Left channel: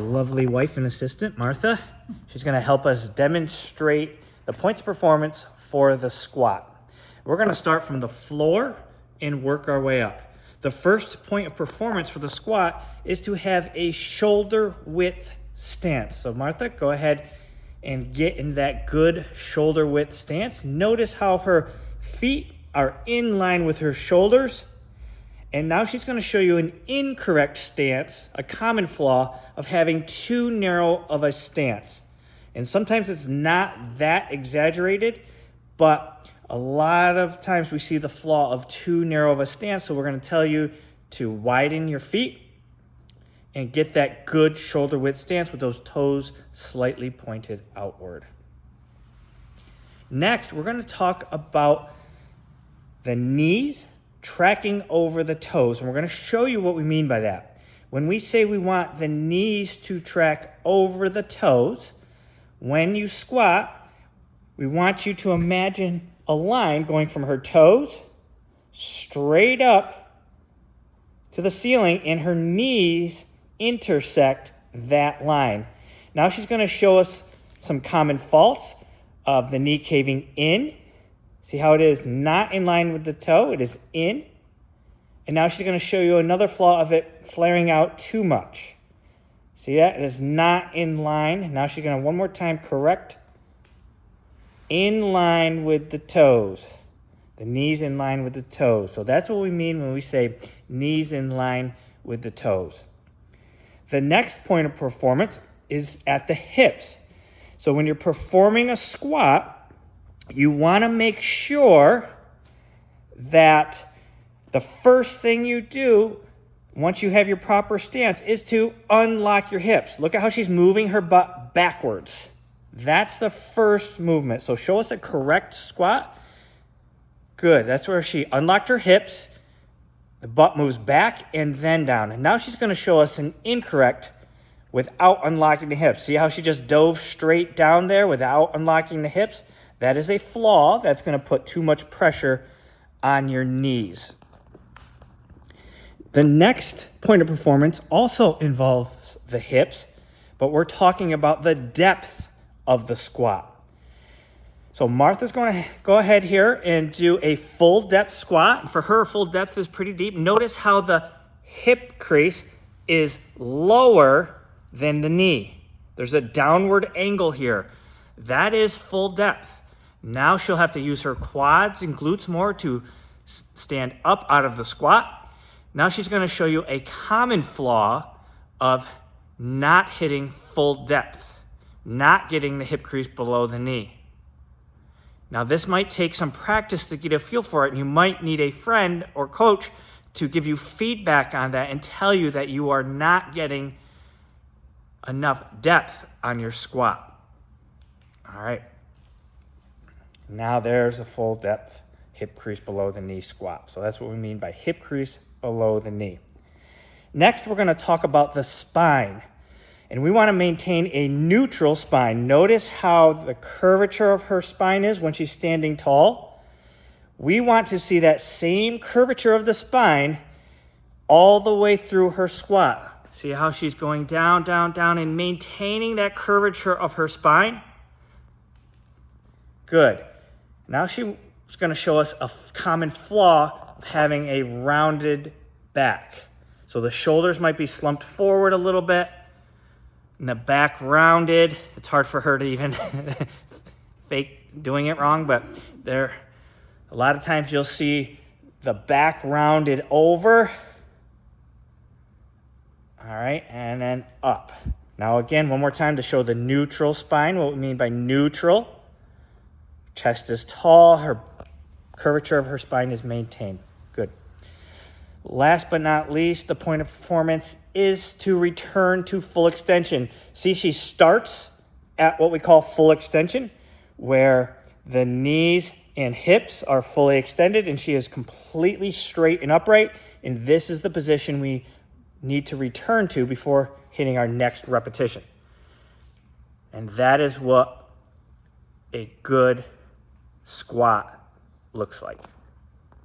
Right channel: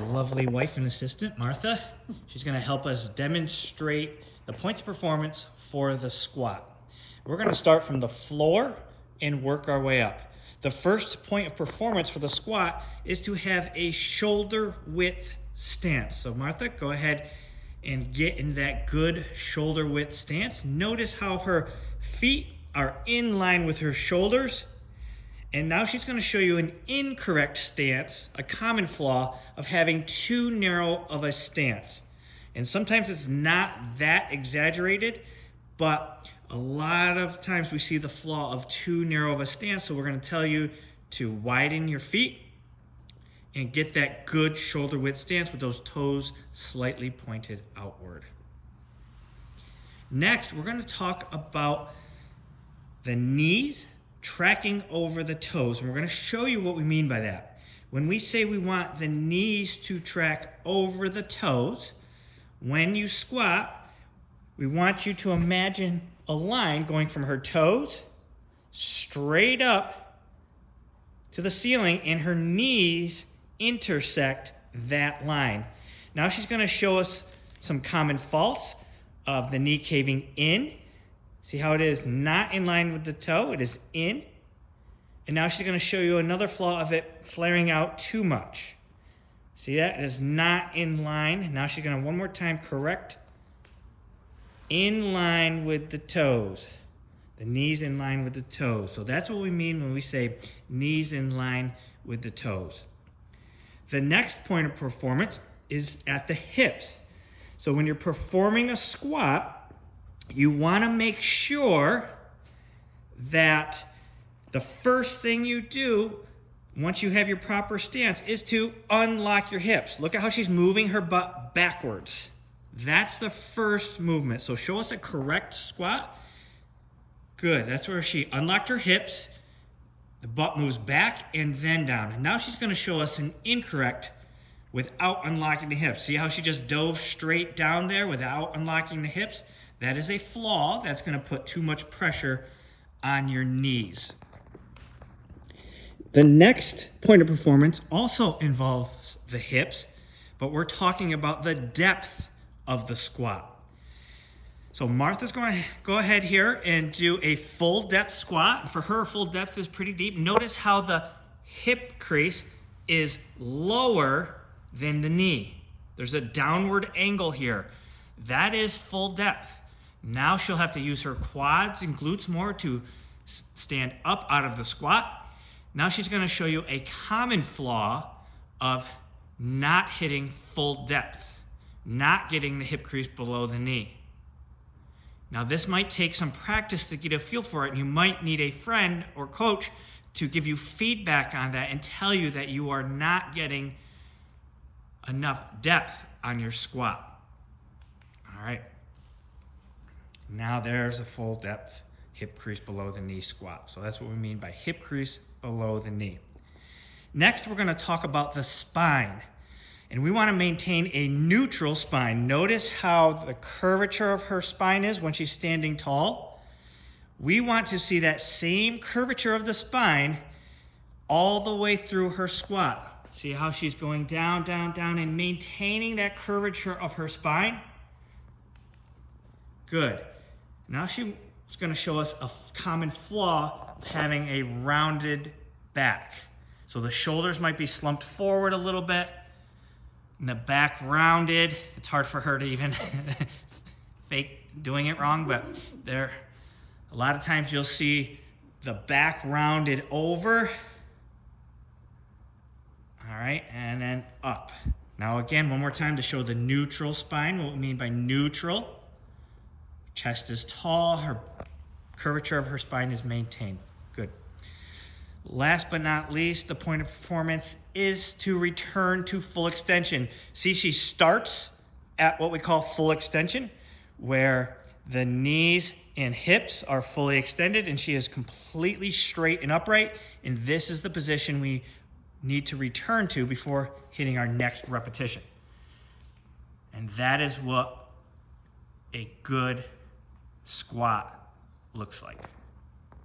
Lovely wife and assistant, Martha. She's going to help us demonstrate the points of performance for the squat. We're going to start from the floor and work our way up. The first point of performance for the squat is to have a shoulder width stance. So Martha, go ahead and get in that good shoulder width stance. Notice how her feet are in line with her shoulders. And now she's going to show you an incorrect stance, a common flaw of having too narrow of a stance. And sometimes it's not that exaggerated, but a lot of times we see the flaw of too narrow of a stance. So we're going to tell you to widen your feet and get that good shoulder width stance with those toes slightly pointed outward. Next, we're going to talk about the knees tracking over the toes, and we're going to show you what we mean by that. When we say we want the knees to track over the toes, when you squat, we want you to imagine a line going from her toes straight up to the ceiling, and her knees intersect that line. Now she's going to show us some common faults of the knee caving in. See how it is not in line with the toe, it is in. And now she's going to show you another flaw of it flaring out too much. See that? It is not in line. Now she's going to one more time correct in line with the toes. The knees in line with the toes. So that's what we mean when we say knees in line with the toes. The next point of performance is at the hips. So when you're performing a squat, you want to make sure that the first thing you do once you have your proper stance is to unlock your hips. Look at how she's moving her butt backwards. That's the first movement. So show us a correct squat. Good. That's where she unlocked her hips. The butt moves back and then down. And now she's going to show us an incorrect without unlocking the hips. See how she just dove straight down there without unlocking the hips? That is a flaw that's going to put too much pressure on your knees. The next point of performance also involves the hips, but we're talking about the depth of the squat. So Martha's going to go ahead here and do a full depth squat. For her, full depth is pretty deep. Notice how the hip crease is lower than the knee. There's a downward angle here. That is full depth. Now she'll have to use her quads and glutes more to stand up out of the squat. Now she's going to show you a common flaw of not hitting full depth, not getting the hip crease below the knee. Now this might take some practice to get a feel for it, and you might need a friend or coach to give you feedback on that and tell you that you are not getting enough depth on your squat. All right. Now there's a full depth hip crease below the knee squat. So that's what we mean by hip crease below the knee. Next, we're going to talk about the spine. And we want to maintain a neutral spine. Notice how the curvature of her spine is when she's standing tall. We want to see that same curvature of the spine all the way through her squat. See how she's going down, down, down, and maintaining that curvature of her spine? Good. Now she's going to show us a common flaw of having a rounded back. So the shoulders might be slumped forward a little bit, and the back rounded. It's hard for her to even fake doing it wrong, but a lot of times you'll see the back rounded over. All right, and then up. Now again, one more time to show the neutral spine, what we mean by neutral. Chest is tall, her curvature of her spine is maintained. Good. Last but not least, the point of performance is to return to full extension. See, she starts at what we call full extension, where the knees and hips are fully extended and she is completely straight and upright. And this is the position we need to return to before hitting our next repetition. And that is what a good squat looks like.